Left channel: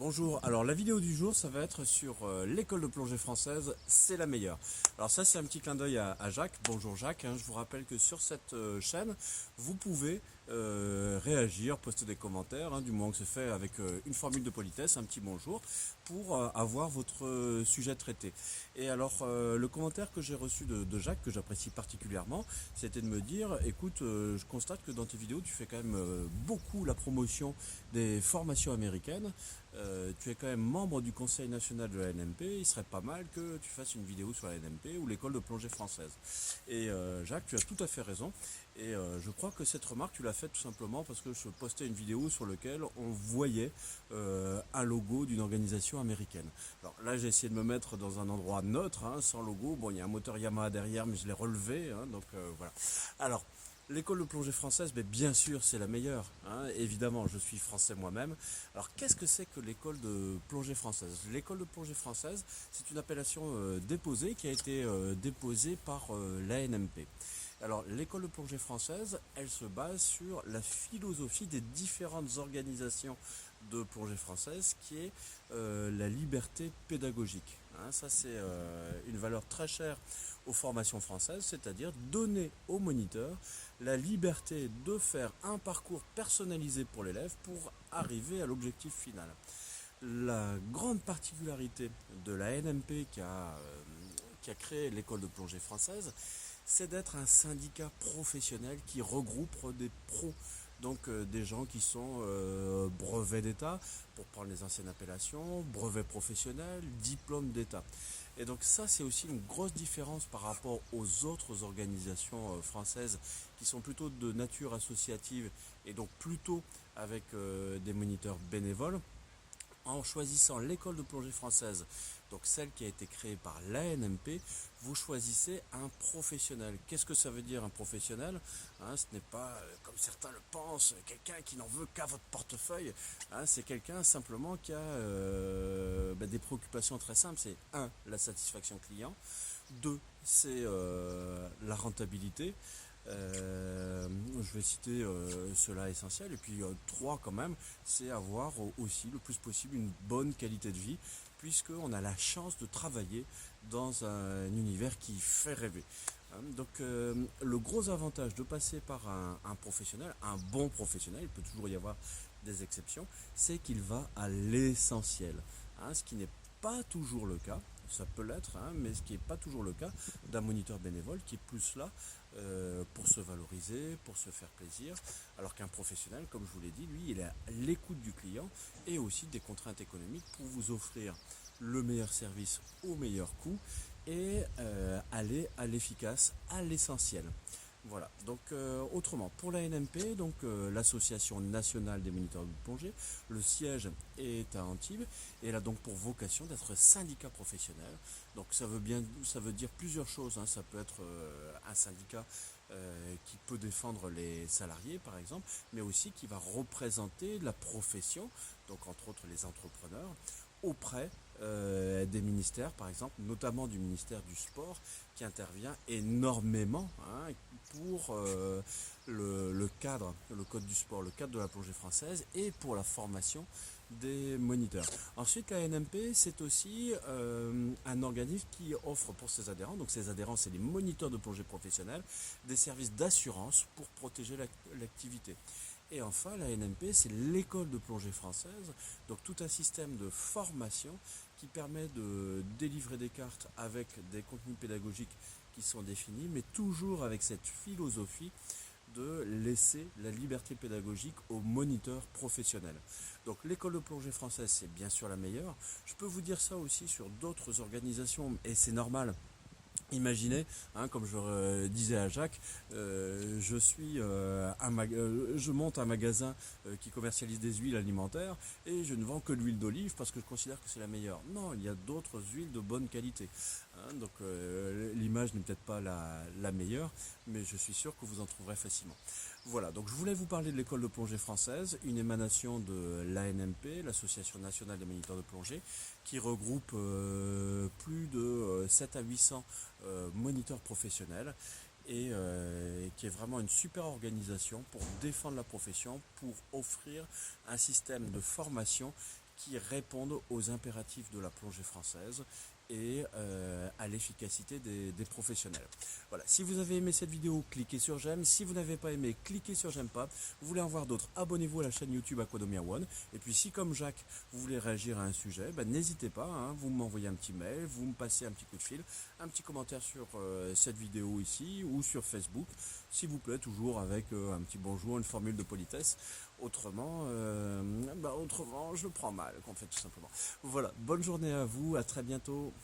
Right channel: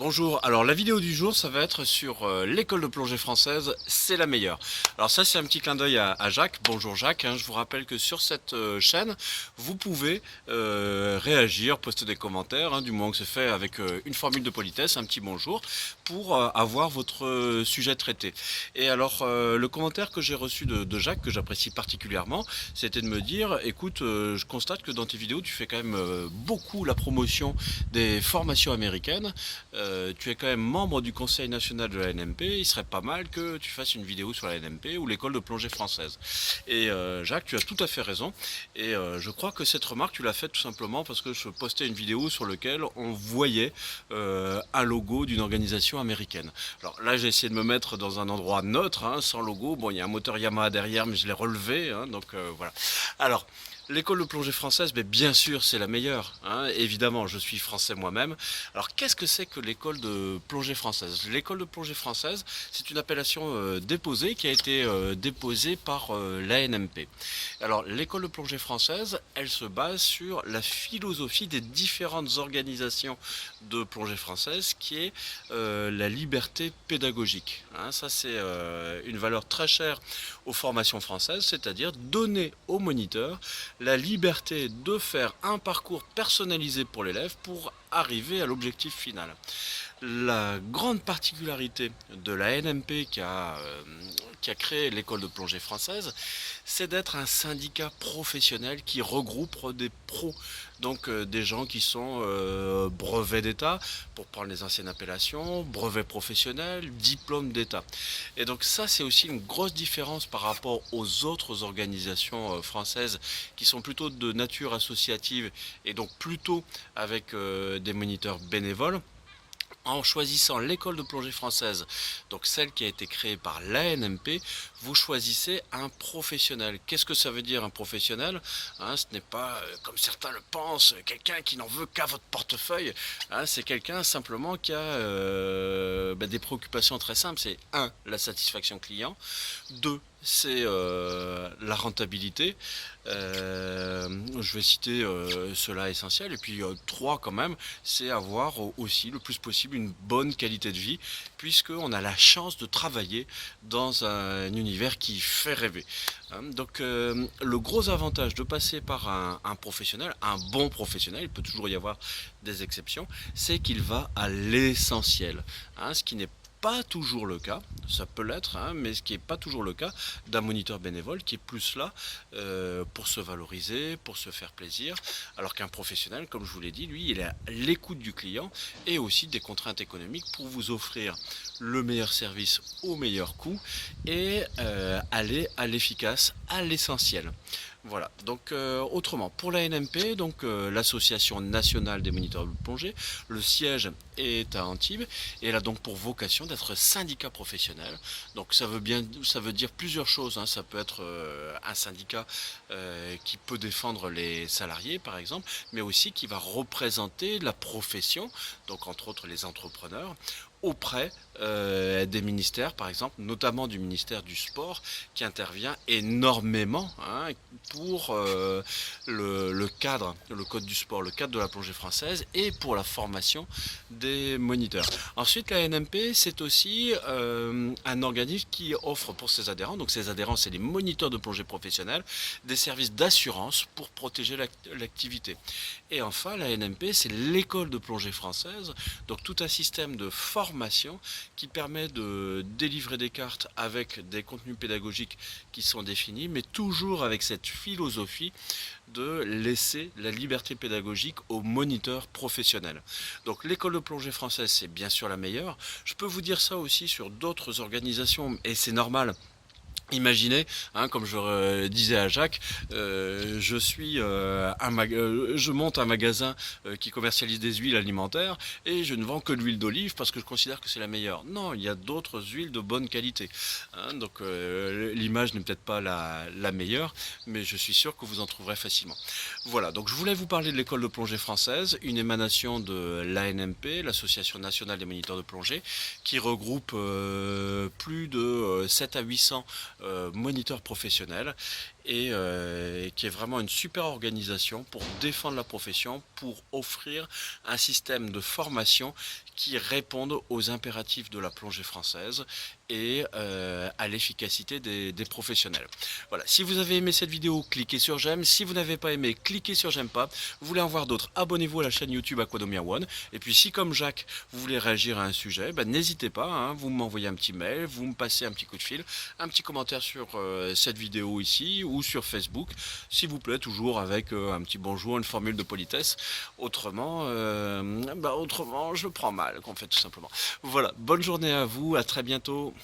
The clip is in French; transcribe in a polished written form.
Bonjour, alors la vidéo du jour ça va être sur l'école de plongée française, c'est la meilleure. Alors ça c'est un petit clin d'œil à Jacques, bonjour Jacques, hein. Je vous rappelle que sur cette chaîne vous pouvez réagir, poster des commentaires, hein, du moment que c'est fait avec une formule de politesse, un petit bonjour, pour avoir votre sujet traité. Et alors le commentaire que j'ai reçu de Jacques, que j'apprécie particulièrement, c'était de me dire, écoute, je constate que dans tes vidéos tu fais quand même beaucoup la promotion des formations américaines. Tu es quand même membre du Conseil national de la NMP, il serait pas mal que tu fasses une vidéo sur la NMP ou l'école de plongée française. Et Jacques, tu as tout à fait raison. Et je crois que cette remarque, tu l'as faite tout simplement parce que je postais une vidéo sur laquelle on voyait un logo d'une organisation américaine. Alors là, j'ai essayé de me mettre dans un endroit neutre, hein, sans logo. Bon, il y a un moteur Yamaha derrière, mais je l'ai relevé, hein, donc voilà. Alors, l'école de plongée française, mais bien sûr, c'est la meilleure, hein. Évidemment, je suis français moi-même. Alors, qu'est-ce que c'est que l'école de plongée française? L'école de plongée française, c'est une appellation déposée qui a été déposée par l'ANMP. Alors, l'école de plongée française, elle se base sur la philosophie des différentes organisations de plongée française, qui est la liberté pédagogique, hein. Ça, c'est une valeur très chère aux formations françaises, c'est-à-dire donner aux moniteurs la liberté de faire un parcours personnalisé pour l'élève pour arriver à l'objectif final. La grande particularité de la NMP qui a créé l'école de plongée française, c'est d'être un syndicat professionnel qui regroupe des pros, donc des gens qui sont brevets d'État, pour prendre les anciennes appellations, brevets professionnels, diplômes d'État. Et donc ça, c'est aussi une grosse différence par rapport aux autres organisations françaises qui sont plutôt de nature associative et donc plutôt avec des moniteurs bénévoles. En choisissant l'école de plongée française, donc celle qui a été créée par l'ANMP, vous choisissez un professionnel. Qu'est-ce que ça veut dire un professionnel, hein? Ce n'est pas, comme certains le pensent, quelqu'un qui n'en veut qu'à votre portefeuille, hein. C'est quelqu'un simplement qui a des préoccupations très simples. C'est un, la satisfaction client, deux, c'est la rentabilité. Je vais citer cela essentiel. Et puis trois quand même, c'est avoir aussi le plus possible une bonne qualité de vie, puisqu'on a la chance de travailler dans un univers qui fait rêver, hein. Donc le gros avantage de passer par un professionnel, un bon professionnel, il peut toujours y avoir des exceptions, c'est qu'il va à l'essentiel, hein, ce qui n'est pas toujours le cas, ça peut l'être, hein, mais ce qui n'est pas toujours le cas d'un moniteur bénévole qui est plus là pour se valoriser, pour se faire plaisir, alors qu'un professionnel, comme je vous l'ai dit, lui, il est à l'écoute du client et aussi des contraintes économiques pour vous offrir le meilleur service au meilleur coût et aller à l'efficace, à l'essentiel. Voilà, donc autrement, pour la NMP, donc l'Association nationale des moniteurs de plongée, le siège est à Antibes et elle a donc pour vocation d'être syndicat professionnel. Donc ça veut dire plusieurs choses, hein. Ça peut être un syndicat qui peut défendre les salariés par exemple, mais aussi qui va représenter la profession, donc entre autres les entrepreneurs, auprès des ministères, par exemple, notamment du ministère du Sport, qui intervient énormément, hein, pour le cadre, le code du sport, le cadre de la plongée française et pour la formation des moniteurs. Ensuite, la NMP, c'est aussi un organisme qui offre pour ses adhérents, donc ses adhérents, c'est les moniteurs de plongée professionnelle, des services d'assurance pour protéger l'activité. Et enfin, la NMP, c'est l'école de plongée française, donc tout un système de formation qui permet de délivrer des cartes avec des contenus pédagogiques qui sont définis, mais toujours avec cette philosophie de laisser la liberté pédagogique aux moniteurs professionnels. Donc l'école de plongée française, c'est bien sûr la meilleure. Je peux vous dire ça aussi sur d'autres organisations, et c'est normal. Imaginez, hein, comme je disais à Jacques, je monte un magasin qui commercialise des huiles alimentaires et je ne vends que de l'huile d'olive parce que je considère que c'est la meilleure. Non, il y a d'autres huiles de bonne qualité, hein. Donc l'image n'est peut-être pas la meilleure, mais je suis sûr que vous en trouverez facilement. Voilà, donc je voulais vous parler de l'école de plongée française, une émanation de l'ANMP, l'Association nationale des moniteurs de plongée, qui regroupe plus de 7 à 800 moniteurs professionnels et qui est vraiment une super organisation pour défendre la profession, pour offrir un système de formation qui réponde aux impératifs de la plongée française et à l'efficacité des professionnels. Voilà, si vous avez aimé cette vidéo, cliquez sur j'aime. Si vous n'avez pas aimé, cliquez sur j'aime pas. Vous voulez en voir d'autres, abonnez-vous à la chaîne YouTube Aquadomia One. Et puis si comme Jacques, vous voulez réagir à un sujet, ben, n'hésitez pas, hein, vous m'envoyez un petit mail, vous me passez un petit coup de fil, un petit commentaire sur cette vidéo ici ou sur Facebook, s'il vous plaît, toujours avec un petit bonjour, une formule de politesse. Autrement, je le prends mal, qu'on fait tout simplement. Voilà, bonne journée à vous, à très bientôt.